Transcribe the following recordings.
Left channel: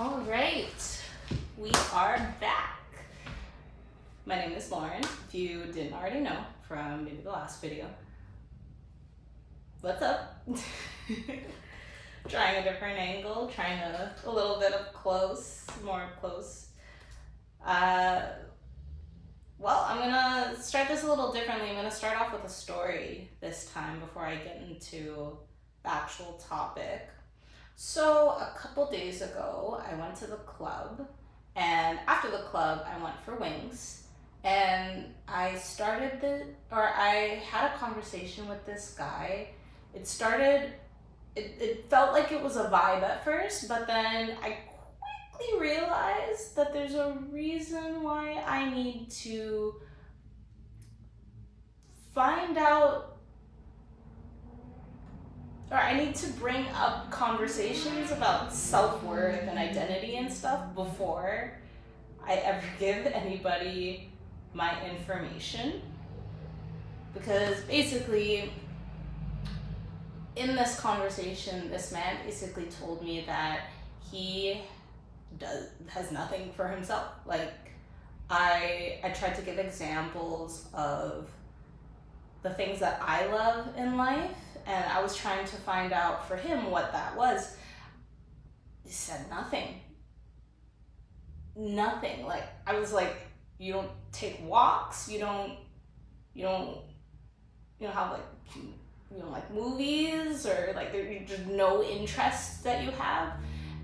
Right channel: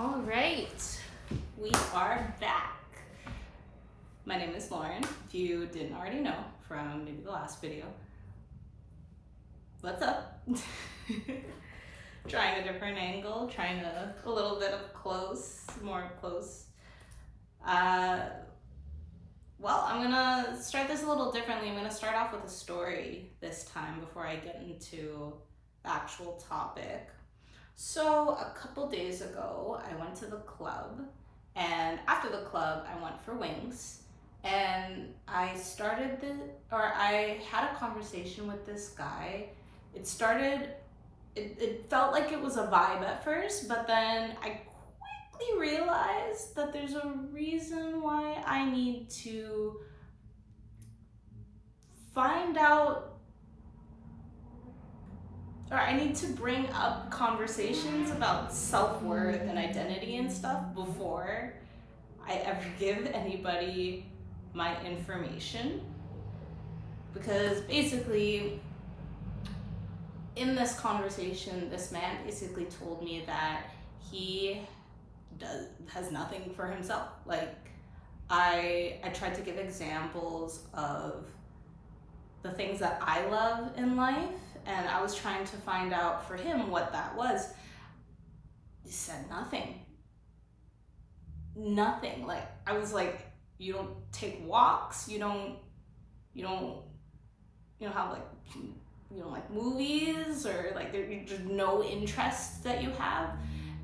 All right, we are back. My name is Lauren. If you didn't already know from maybe the last video, what's up? Trying a different angle, trying a little bit of close, more up close. Well, I'm gonna start this a little differently. I'm gonna start off with a story this time before I get into the actual topic. So a couple days ago, I went to the club, and after the club, I went for wings, and I had a conversation with this guy. It felt like it was a vibe at first, but then I quickly realized that there's a reason why I need to find out, or I need to bring up conversations about self-worth and identity and stuff before I ever give anybody my information. Because basically, in this conversation, this man basically told me that he has nothing for himself. Like, I tried to give examples of the things that I love in life, and I was trying to find out for him what that was. He said nothing. Like, I was like, you don't take walks, you don't have like, you don't like movies, or like there's just no interests that you have.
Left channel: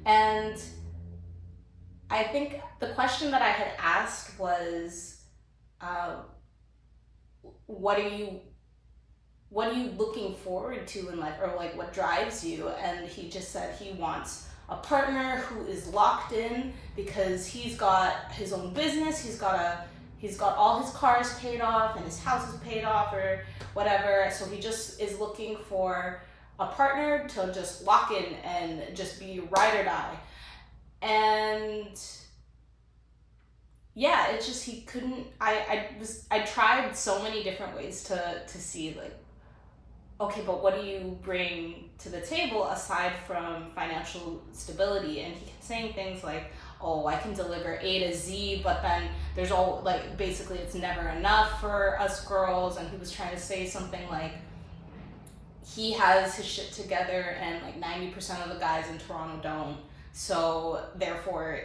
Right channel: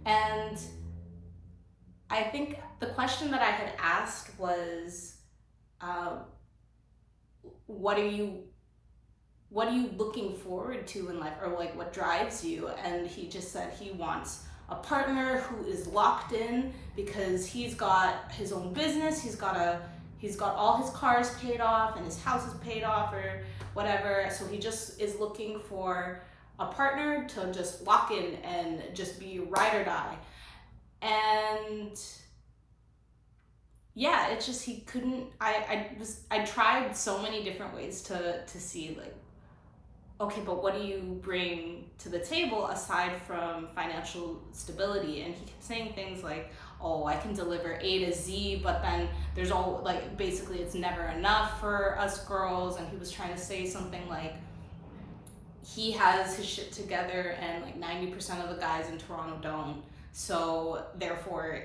And I think the question that I had asked was, what are you looking forward to in life, or like what drives you? And he just said he wants a partner who is locked in because he's got his own business, he's got all his cars paid off and his house is paid off or whatever. So he just is looking for a partner to just lock in and just be ride or die. And yeah, it's just he couldn't. I tried so many different ways to see, like, okay, but what do you bring to the table aside from financial stability? And he kept saying things like, oh, I can deliver A to Z, but then there's all, like, basically it's never enough for us girls. And he was trying to say something like he has his shit together and like 90% of the guys in Toronto don't. So therefore,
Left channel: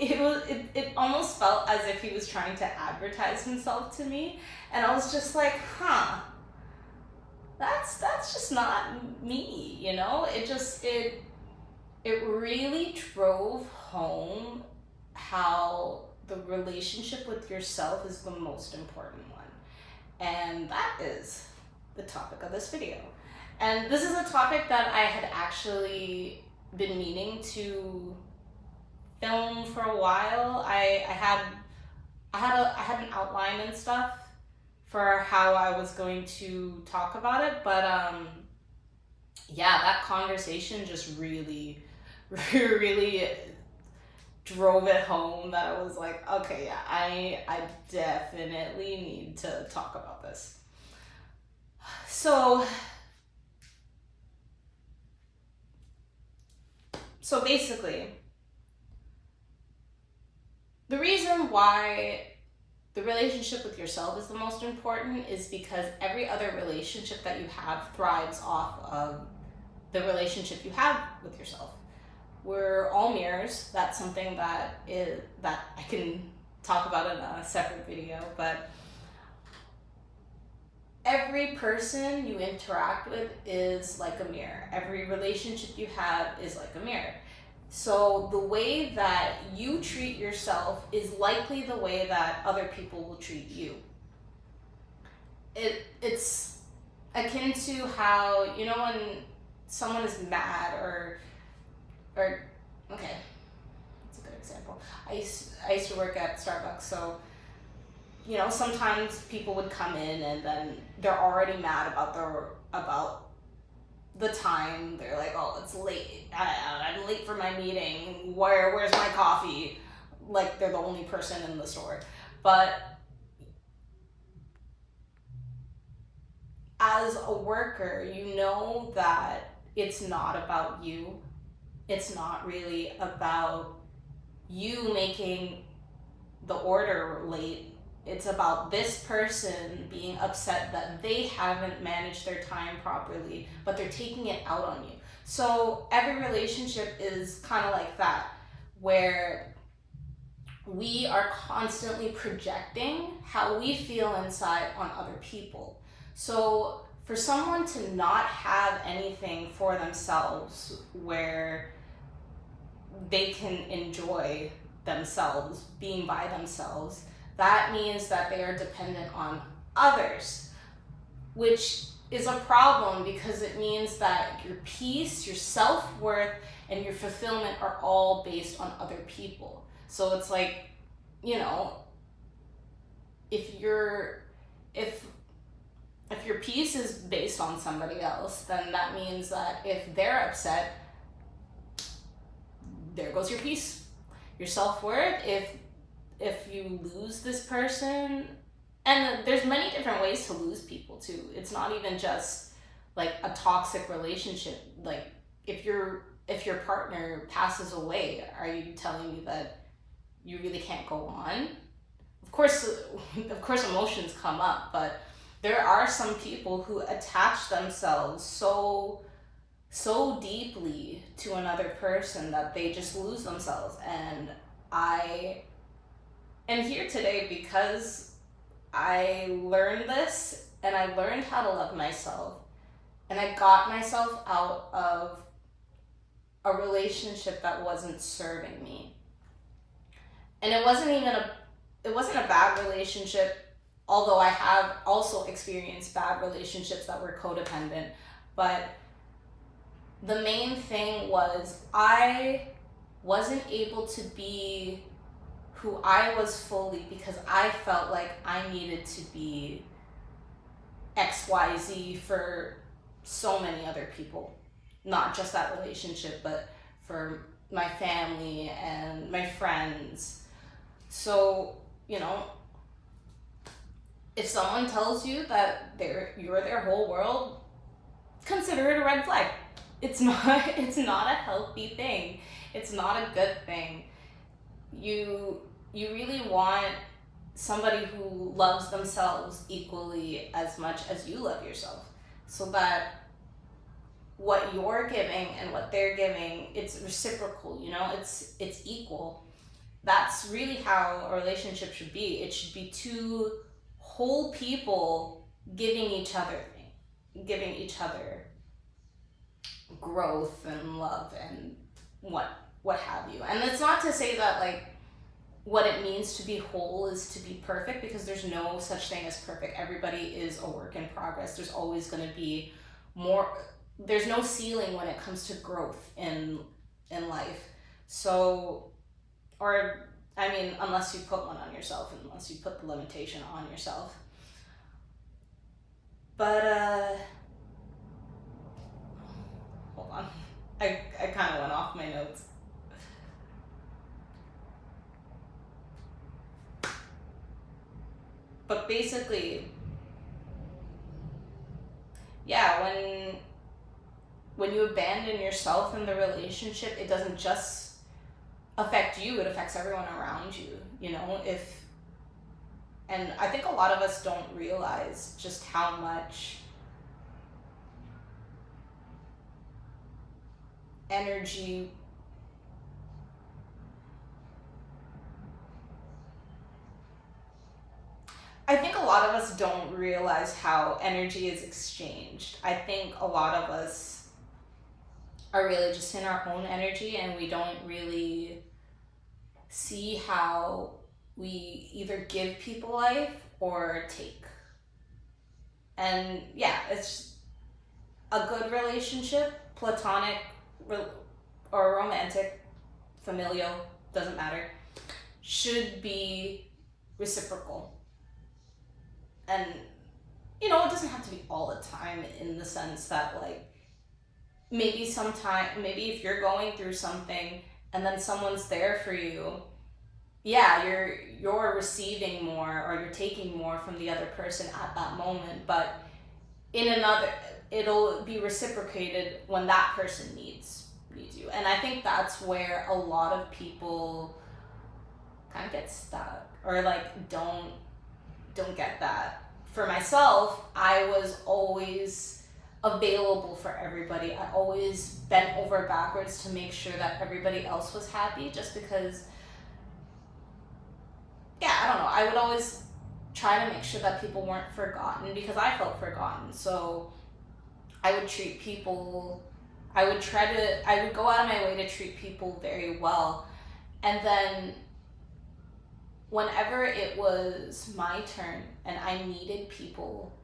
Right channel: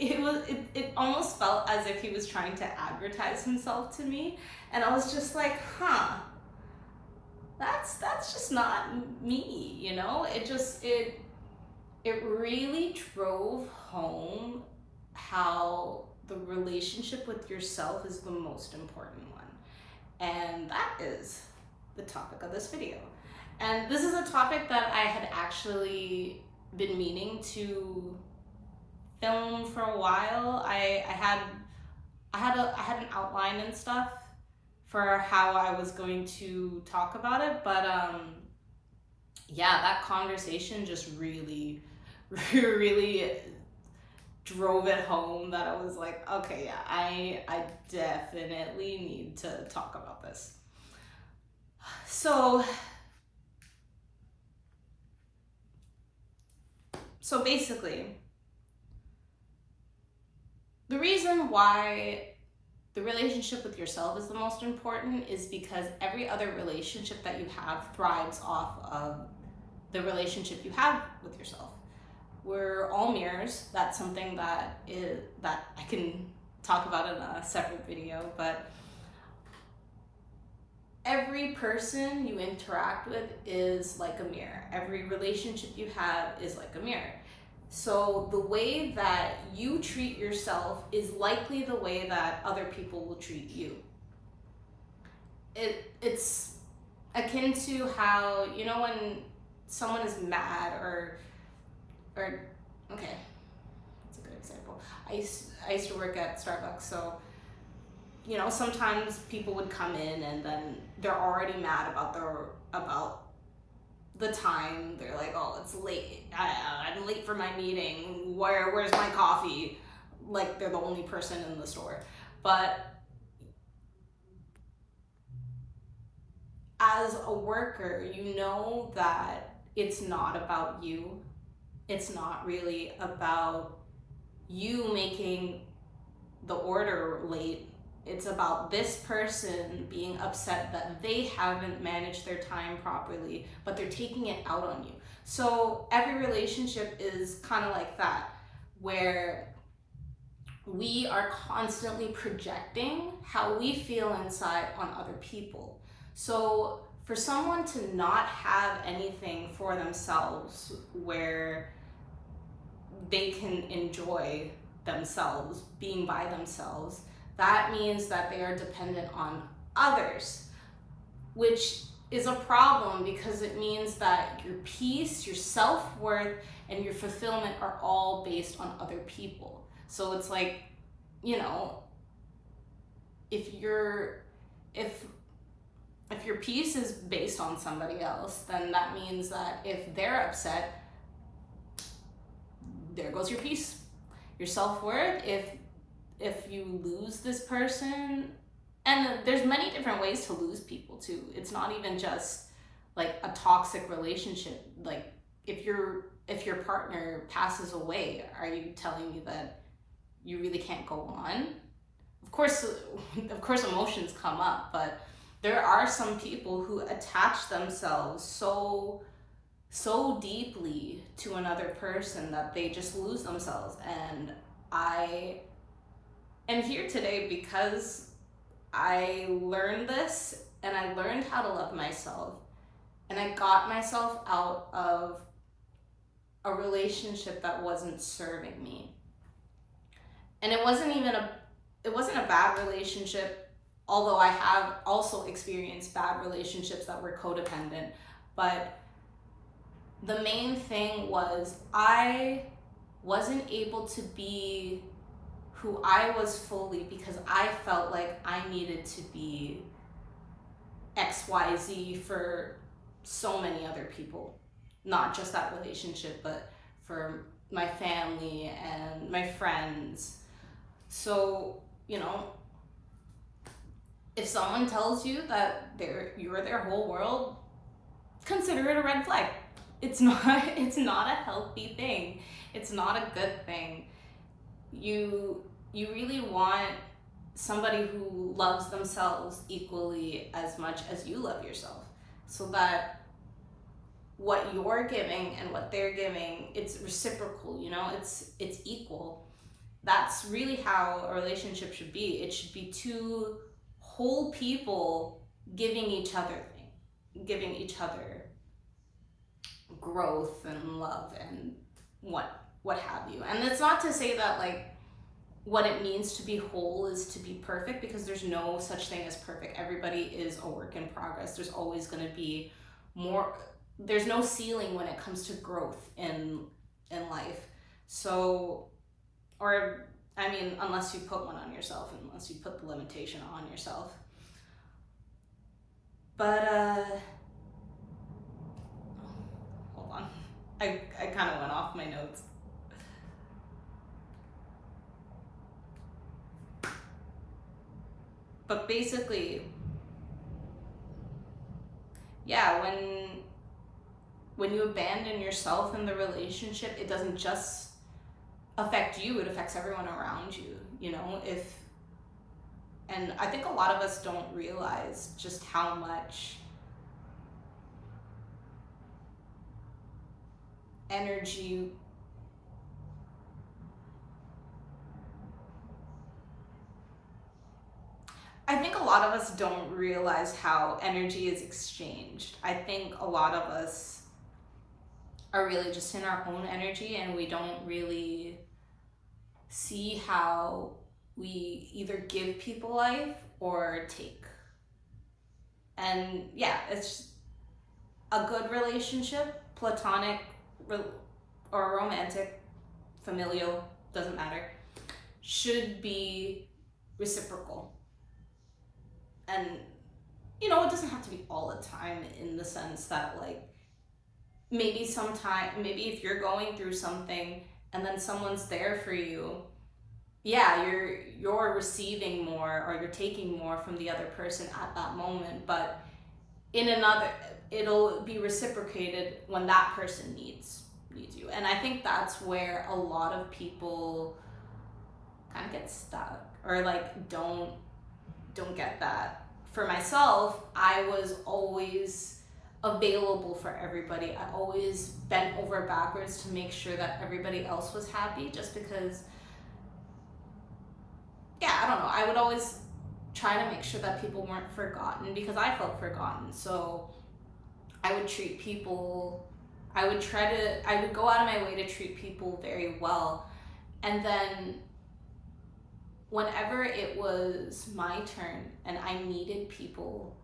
it almost felt as if he was trying to advertise himself to me. And I was just like, that's just not me, you know? It really drove home how the relationship with yourself is the most important one. And that is the topic of this video. And this is a topic that I had actually been meaning to film for a while. I had an outline and stuff for how I was going to talk about it, but yeah, that conversation just really drove it home that I was like, okay, yeah, I definitely need to talk about this. So basically, the reason why the relationship with yourself is the most important is because every other relationship that you have thrives off of the relationship you have with yourself. We're all mirrors. That's something that I can talk about in a separate video, but every person you interact with is like a mirror. Every relationship you have is like a mirror. So the way that you treat yourself is likely the way that other people will treat you. It's akin to how, you know, when someone is mad or okay, that's a good example. I used to work at Starbucks, so you know, sometimes people would come in and then they're already mad about the time. They're like, oh, it's late. I'm late for my meeting. Where's my coffee? Like they're the only person in the store. But as a worker, you know that it's not about you. It's not really about you making the order late. It's about this person being upset that they haven't managed their time properly, but they're taking it out on you. So every relationship is kind of like that, where we are constantly projecting how we feel inside on other people. So for someone to not have anything for themselves where they can enjoy themselves, being by themselves, that means that they are dependent on others, which is a problem because it means that your peace, your self-worth, and your fulfillment are all based on other people. So it's like, you know, if your peace is based on somebody else, then that means that if they're upset, there goes your peace. Your self-worth, if you lose this person, and there's many different ways to lose people too. It's not even just like a toxic relationship. Like if your partner passes away, are you telling me that you really can't go on? Of course emotions come up, but there are some people who attach themselves so deeply to another person that they just lose themselves. And I am here today because I learned this, and I learned how to love myself, and I got myself out of a relationship that wasn't serving me. And it wasn't a bad relationship, although I have also experienced bad relationships that were codependent. But the main thing was I wasn't able to be who I was fully because I felt like I needed to be XYZ for so many other people. Not just that relationship, but for my family and my friends. So, you know, if someone tells you that you're their whole world, consider it a red flag. It's not a healthy thing. It's not a good thing. You really want somebody who loves themselves equally as much as you love yourself, so that what you're giving and what they're giving, it's reciprocal, you know, it's equal. That's really how a relationship should be. It should be two whole people giving each other growth and love and what have you. And it's not to say that like what it means to be whole is to be perfect, because there's no such thing as perfect. Everybody is a work in progress. There's always going to be more. There's no ceiling when it comes to growth in life. So, or I mean, unless you put one on yourself, unless you put the limitation on yourself. But hold on, I kind of went off my notes. But basically, yeah, when you abandon yourself in the relationship, it doesn't just affect you, it affects everyone around you, you know. And I think a lot of us don't realize just how much energy I think a lot of us don't realize how energy is exchanged. I think a lot of us are really just in our own energy, and we don't really see how we either give people life or take. And yeah, it's a good relationship, platonic or romantic, familial, doesn't matter, should be reciprocal. And, you know, it doesn't have to be all the time, in the sense that, like, maybe if you're going through something and then someone's there for you, yeah, you're receiving more or you're taking more from the other person at that moment, but it'll be reciprocated when that person needs. needs you. And I think that's where a lot of people kind of get stuck, or like don't get that. For myself, I was always available for everybody. I always bent over backwards to make sure that everybody else was happy, just because, yeah, I don't know, I would always try to make sure that people weren't forgotten, because I felt forgotten. So I would treat people, I would go out of my way to treat people very well. And then whenever it was my turn and I needed people,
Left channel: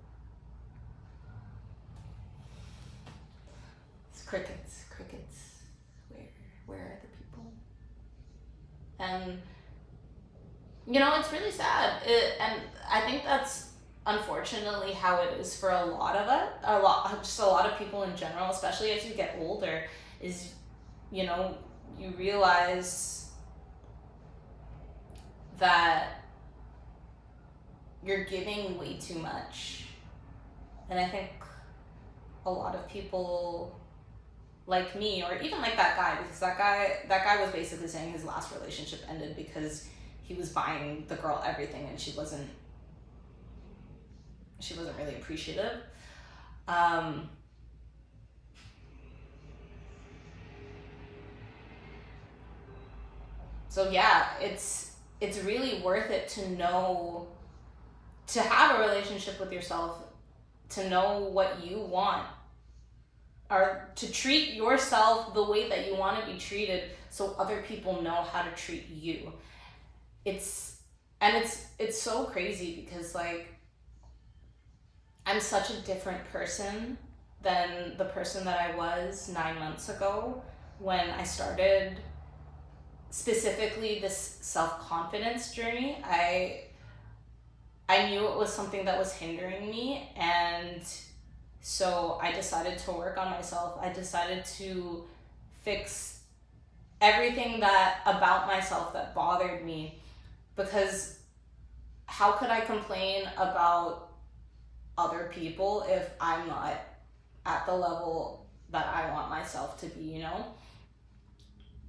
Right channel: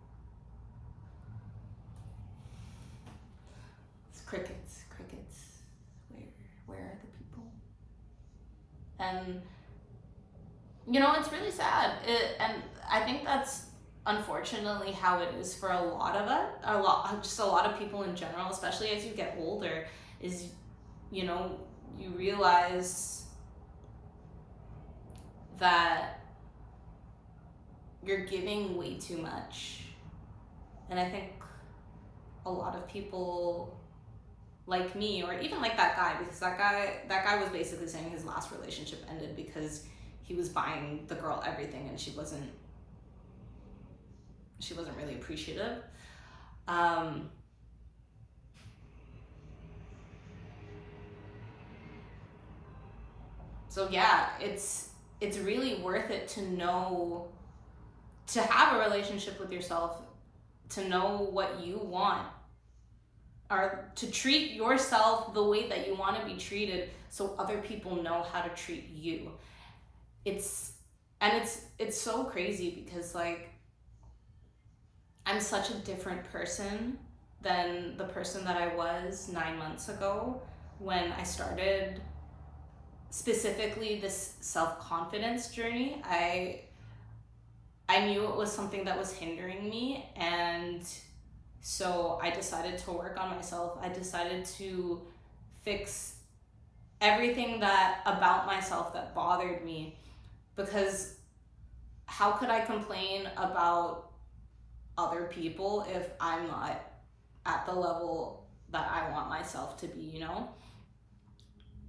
it's crickets, where are the people? And you know, it's really sad. And I think that's unfortunately how it is for a lot of us, just a lot of people in general, especially as you get older, is, you know, you realize that you're giving way too much. And I think a lot of people like me, or even like that guy, because that guy was basically saying his last relationship ended because he was buying the girl everything and she wasn't really appreciative. So yeah, it's really worth it to have a relationship with yourself, to know what you want, or to treat yourself the way that you want to be treated, so other people know how to treat you. It's so crazy, because like, I'm such a different person than the person that I was 9 months ago when I started specifically this self-confidence journey. I knew it was something that was hindering me, and so I decided to work on myself. I decided to fix everything about myself that bothered me, because how could I complain about other people if I'm not at the level that I want myself to be, you know?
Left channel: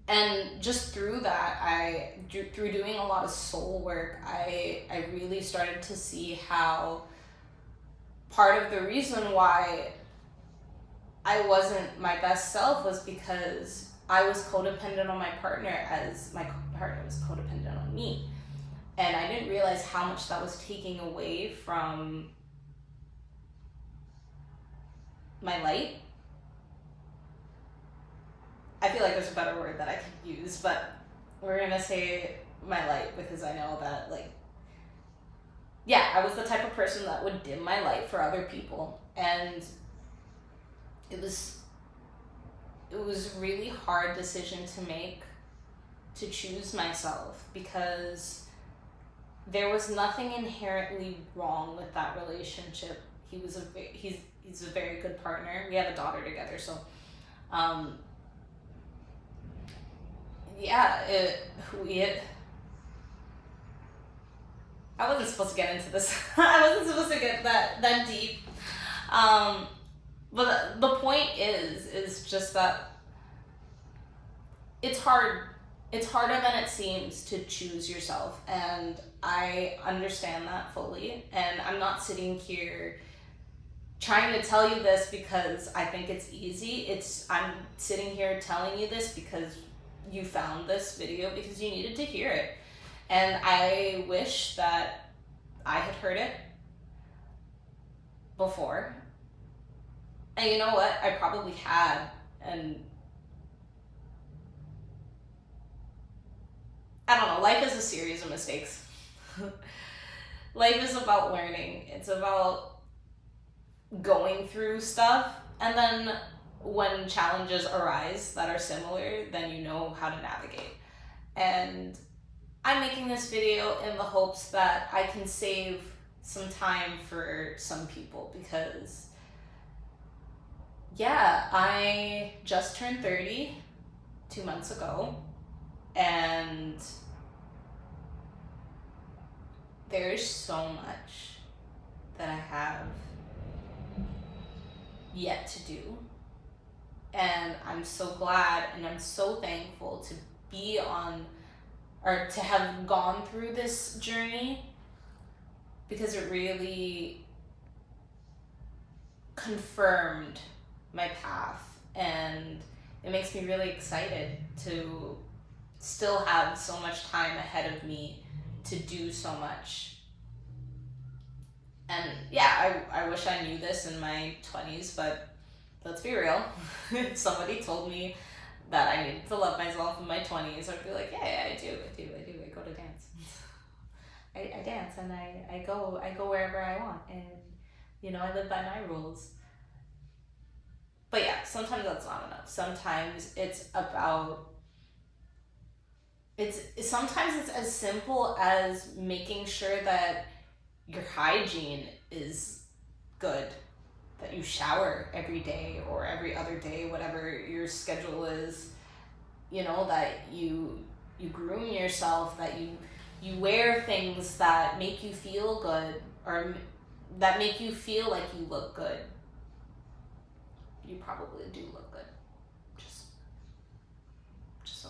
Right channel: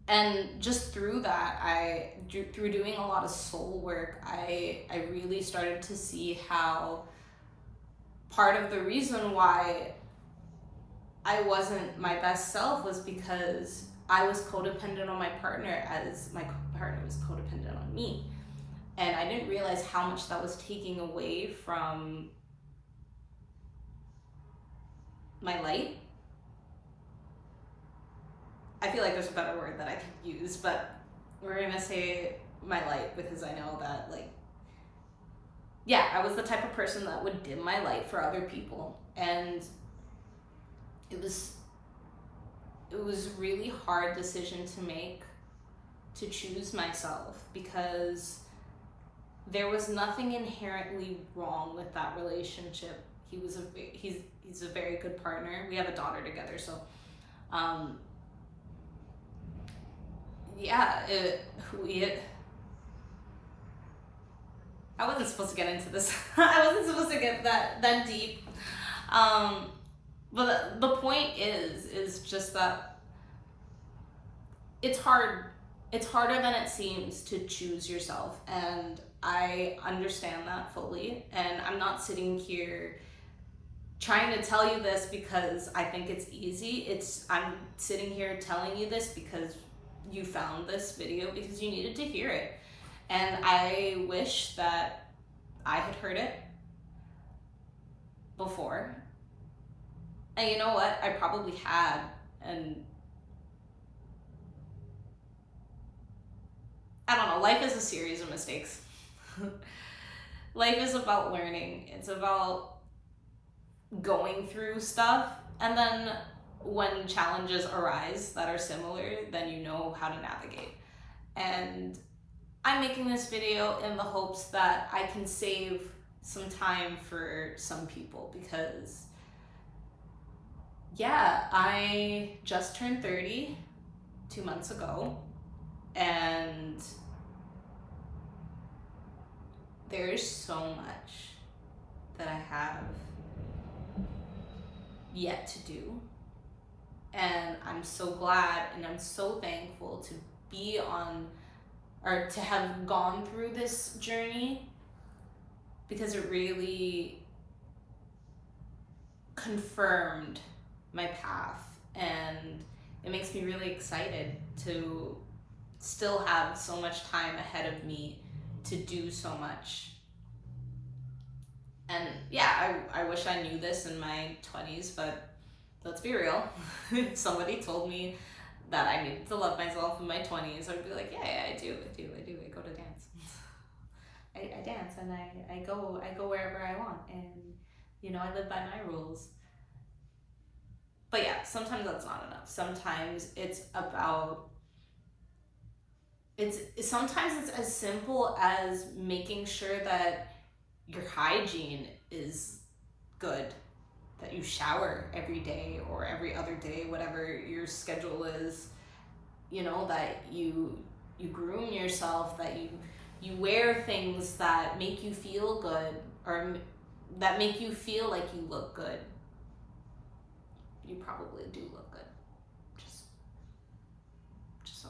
And just through that, through doing a lot of soul work, I really started to see how part of the reason why I wasn't my best self was because I was codependent on my partner, as my partner was codependent on me. And I didn't realize how much that was taking away from my light. I feel like there's a better word that I could use, but we're gonna say my light, because I know that, like, yeah, I was the type of person that would dim my light for other people. And it was a really hard decision to make, to choose myself, because there was nothing inherently wrong with that relationship. He's a very good partner. We have a daughter together, so yeah, I wasn't supposed to get into this. I wasn't supposed to get that deep. But the point is just that it's hard. It's harder than it seems to choose yourself, and I understand that fully. And I'm not sitting here trying to tell you this because I think it's easy. I'm sitting here telling you this because you found this video because you needed to hear it. And I wish that I had heard it before. And you know what? I probably had. And I don't know, life is a series of mistakes. Life is about learning. It's about going through stuff, and then when challenges arise that are similar, then you know how to navigate. And I'm making this video in the hopes that I can save some time for some people, because yeah, I just turned 30 2 months ago, and there's so much that I have yet to do. And I'm so glad and I'm so thankful to be on, or to have gone through this journey, because it really confirmed my path, and it makes me really excited to still have so much time ahead of me to do so much. And yeah, I wish I knew this in my 20s, but let's be real. If somebody told me that I needed to love myself in my 20s, I'd be like, yeah, I do. I go to dance. I dance, and I go wherever I want, and I live by my rules. But yeah, sometimes that's not enough. Sometimes it's about, sometimes it's as simple as making sure that your hygiene is good, that you shower every day or every other day, whatever your schedule is, that you groom yourself, that you wear things that make you feel good, or that make you feel like you look good. You probably do look good, just so.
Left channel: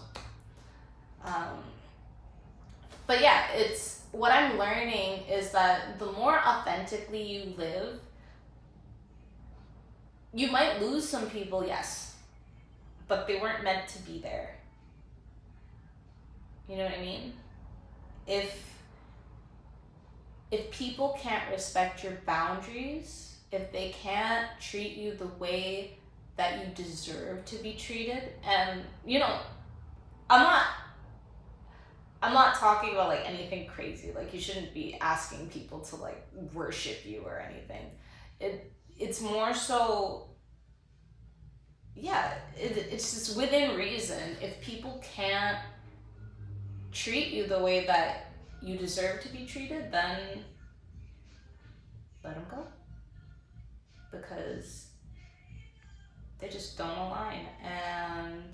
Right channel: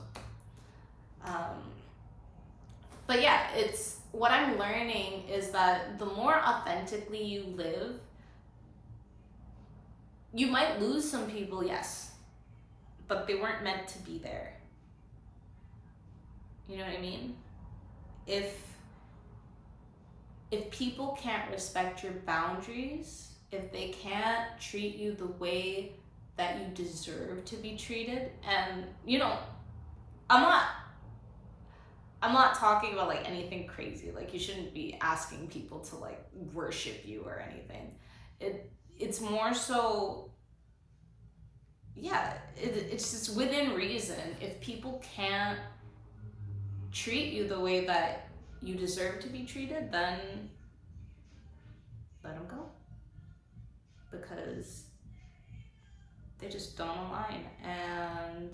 But yeah, it's what I'm learning is that the more authentically you live, you might lose some people, yes, but they weren't meant to be there. You know what I mean? If people can't respect your boundaries, if they can't treat you the way that you deserve to be treated, and I'm not talking about like anything crazy. Like, you shouldn't be asking people to like worship you or anything. It's more so, yeah, it's just within reason. If people can't treat you the way that you deserve to be treated, then let them go, because they just don't align. And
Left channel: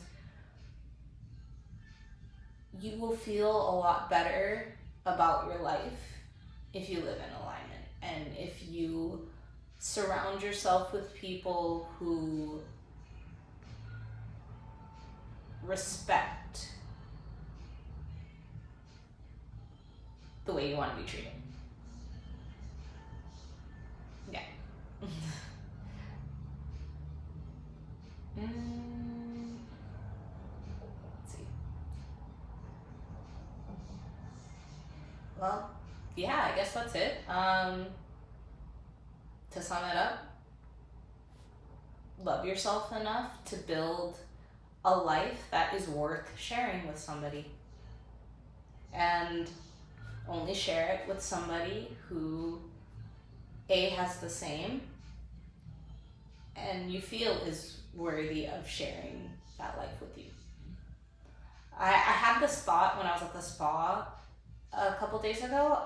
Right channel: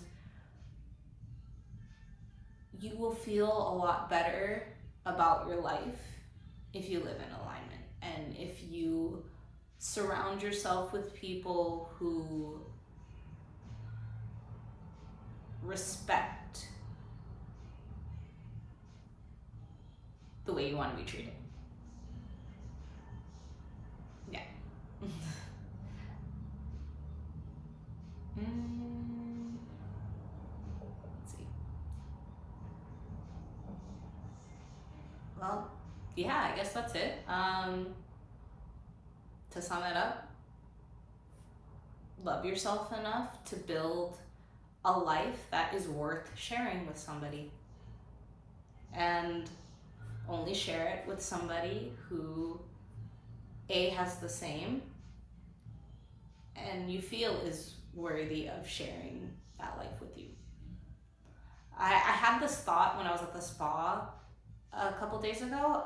you will feel a lot better about your life if you live in alignment, and if you surround yourself with people who respect the way you want to be treated. Yeah. Let's see. Well, yeah, I guess that's it. To sum it up, love yourself enough to build a life that is worth sharing with somebody, and only share it with somebody who has the same, and you feel is worthy of sharing that life with you. I had this thought when I was at the spa a couple days ago,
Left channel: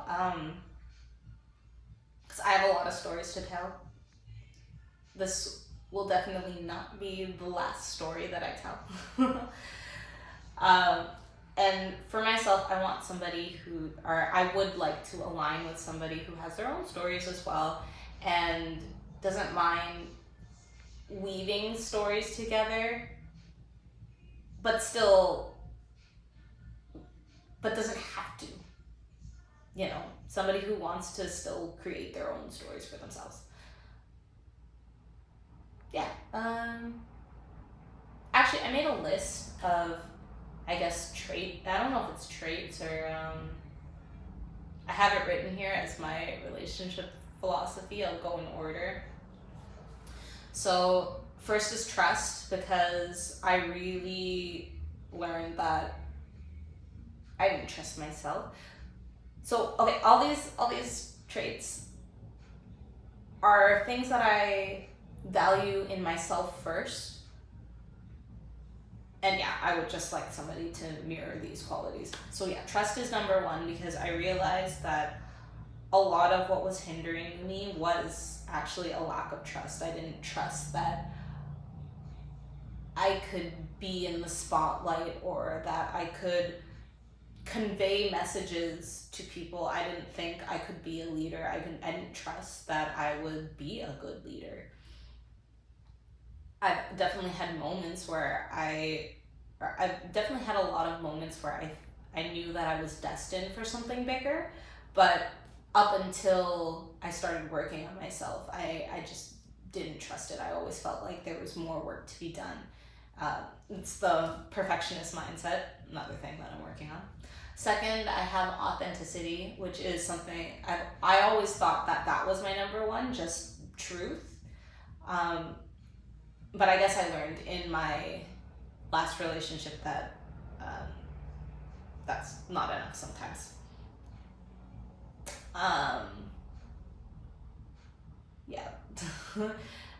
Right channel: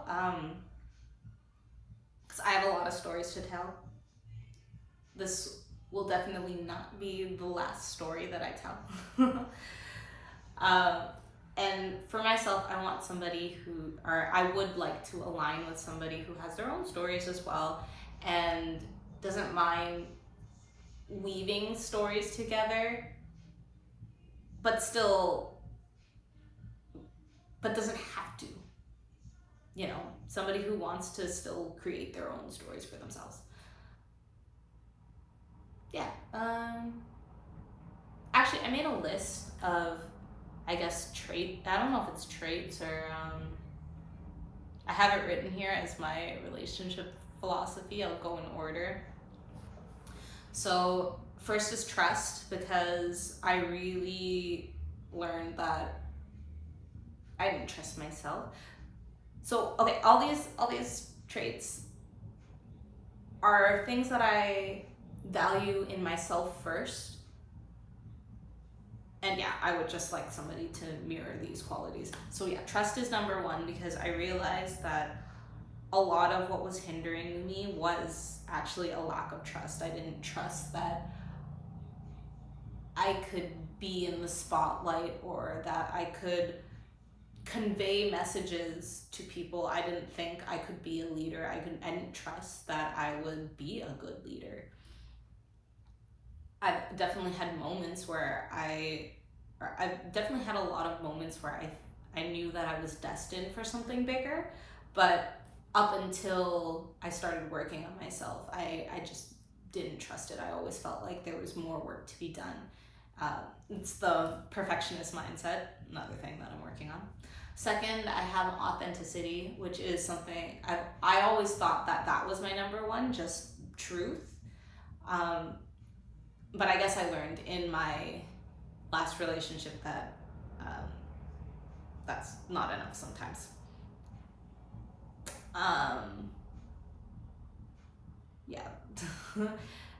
because I have a lot of stories to tell. This will definitely not be the last story that I tell. And for myself, I want somebody I would like to align with somebody who has their own stories as well, and doesn't mind weaving stories together, but doesn't have to. Somebody who wants to still create their own stories for themselves. Yeah. Actually, I made a list of, I guess, I don't know if it's traits or, I have it written here as my relationship philosophy. I'll go in order. So first is trust, because I really learned that I didn't trust myself. So, okay, all these traits are things that I value in myself first. And yeah, I would just like somebody to mirror these qualities. So yeah, trust is number one, because I realized that a lot of what was hindering me was actually a lack of trust. I didn't trust that I could be in the spotlight, or that I could convey messages to people. I didn't think I could be a leader. I didn't trust that I would be a good leader. I've definitely had moments where I've definitely had a lot of moments where I knew that I was destined for something bigger, but up until I started working on myself, I just didn't trust it. I always felt like there was more work to be done. It's the perfectionist mindset, another thing that I'm working on. Second, I have authenticity, which is something I always thought that was my number one, just truth. But I guess I learned in my last relationship that that's not enough sometimes. Yeah.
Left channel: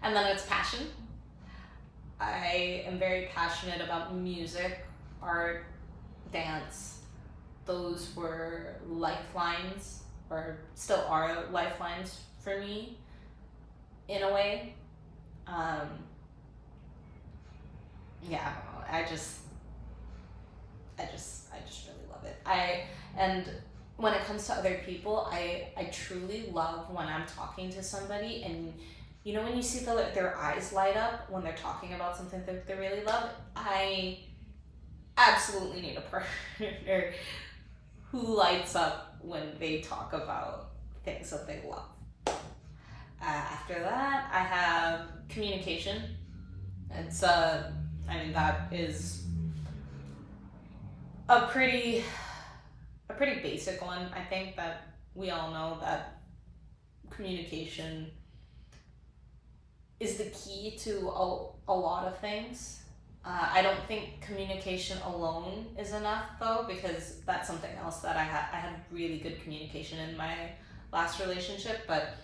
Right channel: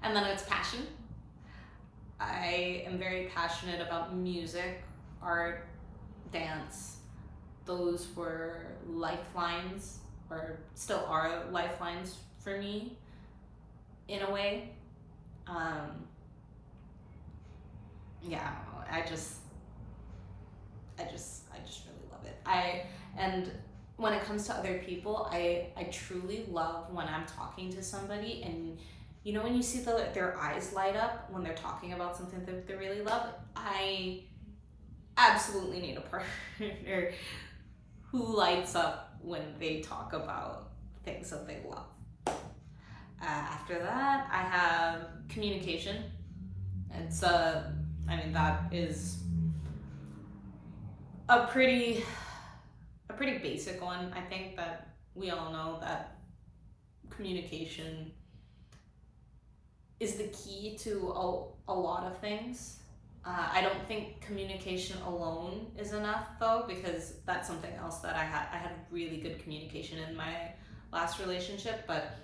And then it's passion. I am very passionate about music, art, dance. Those were lifelines, or still are lifelines for me, in a way. Yeah, I don't know. I just really love it. And when it comes to other people, I truly love when I'm talking to somebody, and you know when you see their eyes light up when they're talking about something that they really love. I absolutely need a partner who lights up when they talk about things that they love. After that, I have communication. It's that is a pretty basic one. I think that we all know that communication is the key to a lot of things. I don't think communication alone is enough, though, because that's something else that I had really good communication in my last relationship, but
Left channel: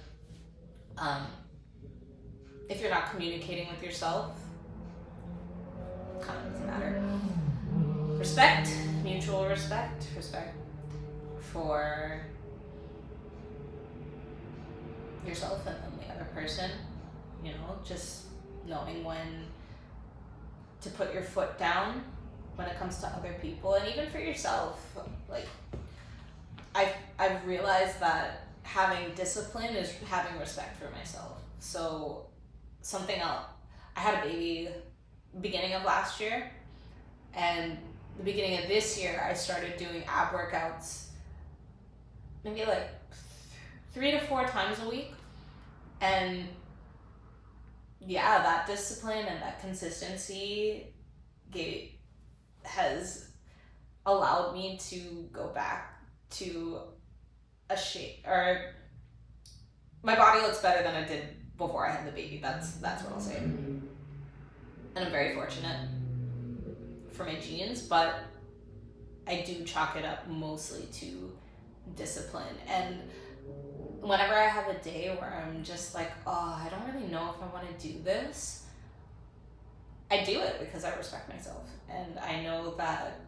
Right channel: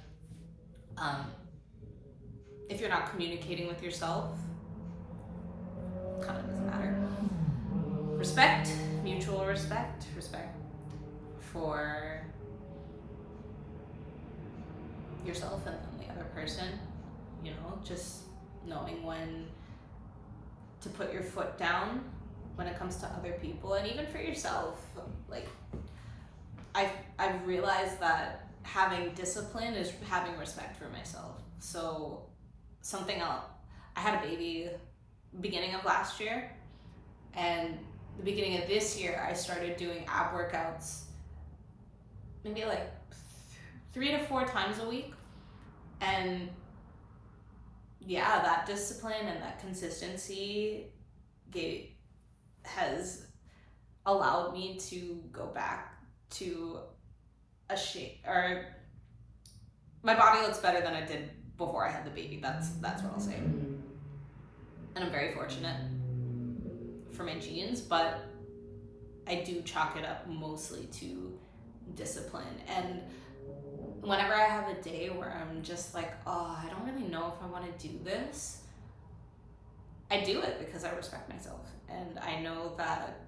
if you're not communicating with yourself, it kind of doesn't matter. Respect, mutual respect for yourself and then the other person, just knowing when to put your foot down when it comes to other people, and even for yourself. Like, I've realized that having discipline is having respect for myself. So something else, I had a baby beginning of last year, and the beginning of this year I started doing ab workouts maybe like 3 to 4 times a week. And yeah, that discipline and that consistency has allowed me to go back to a shape, or my body looks better than it did before I had the baby. That's what I'll say. And I'm very fortunate for my genes, but I do chalk it up mostly to discipline. And whenever I have a day where I'm just like, oh, I don't really know if I want to do this, I do it because I respect myself. And I know that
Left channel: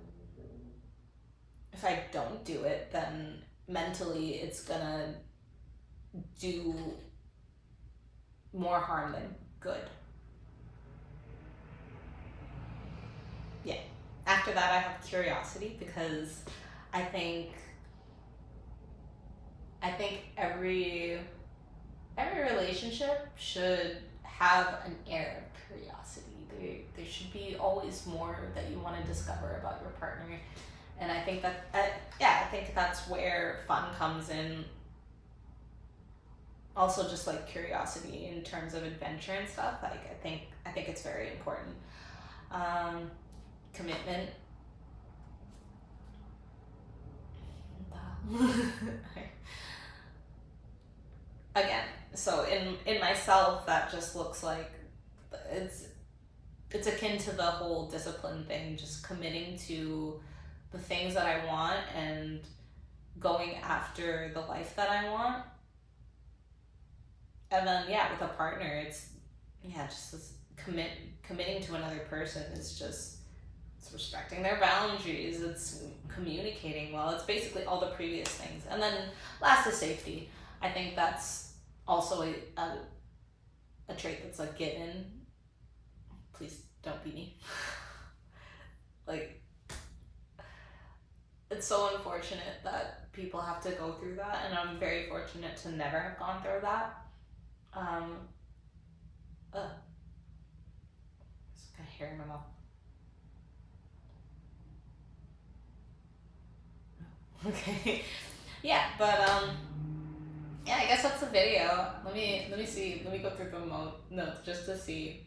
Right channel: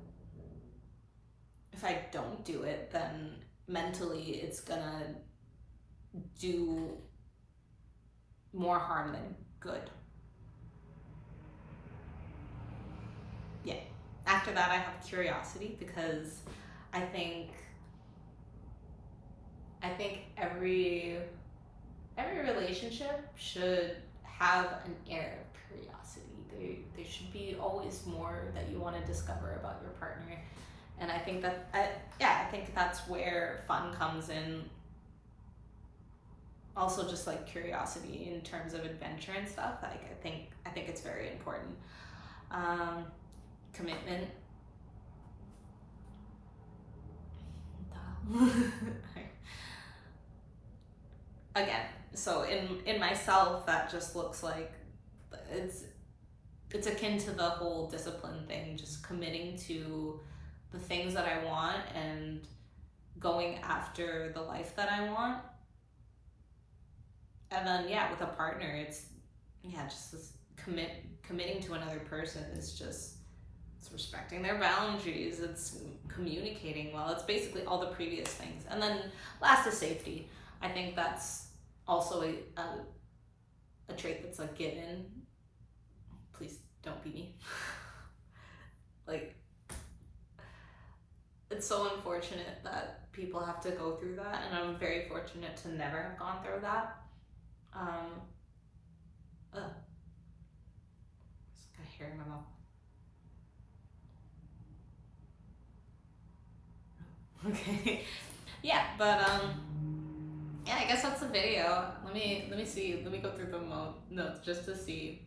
if I don't do it, then mentally it's gonna do more harm than good. Yeah. After that, I have curiosity, because I think every relationship should have an air of curiosity. There should be always more that you want to discover about your partner, and I think that I think that's where fun comes in. Also, just like curiosity in terms of adventure and stuff. Like, I think it's very important. Commitment. Again, so in myself, that just looks like it's akin to the whole discipline thing, just committing to the things that I want and going after the life that I want. And then with a partner, it's just this committing to another person is just, it's respecting their boundaries, it's communicating well, it's basically all the previous things. And then last is safety. I think that's also a trait that's a given. Please don't beat me. Like, it's so unfortunate that people have to go through that, and I'm very fortunate to never have gone through that. hair in my mouth. Okay. Yeah, but yeah, I guess that's the video. Let me see. Let me go through the notes just to see.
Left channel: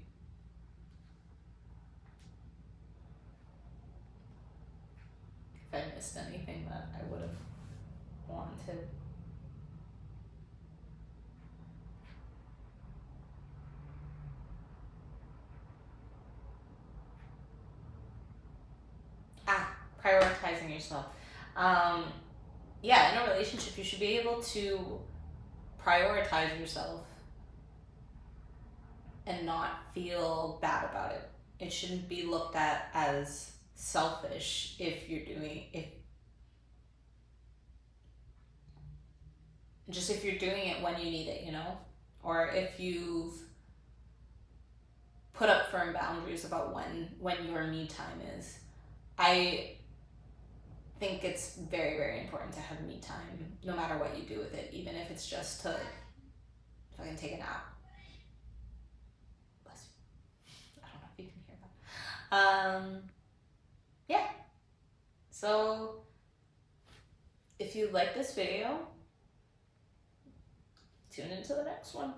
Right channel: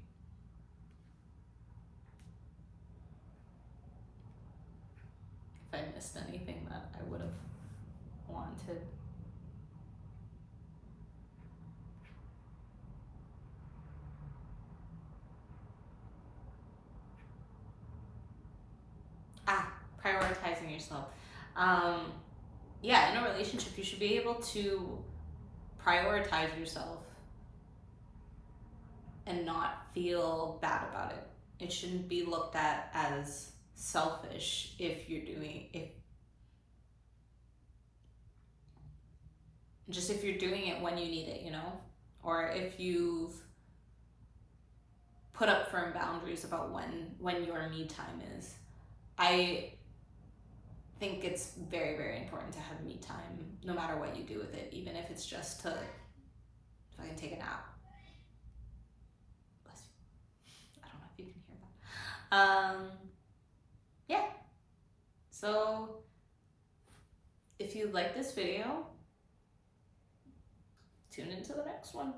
If I missed anything that I would have wanted. Prioritizing yourself. Yeah, in a relationship, you should be able to prioritize yourself and not feel bad about it. It shouldn't be looked at as selfish if you're doing it when you need it, you know, or if you've put up firm boundaries about when your me time is. I think it's very, very important to have me time, no matter what you do with it, even if it's just to fucking take a nap. Bless you. I don't know if you can hear that. Yeah. So if you like this video, tune into the next one.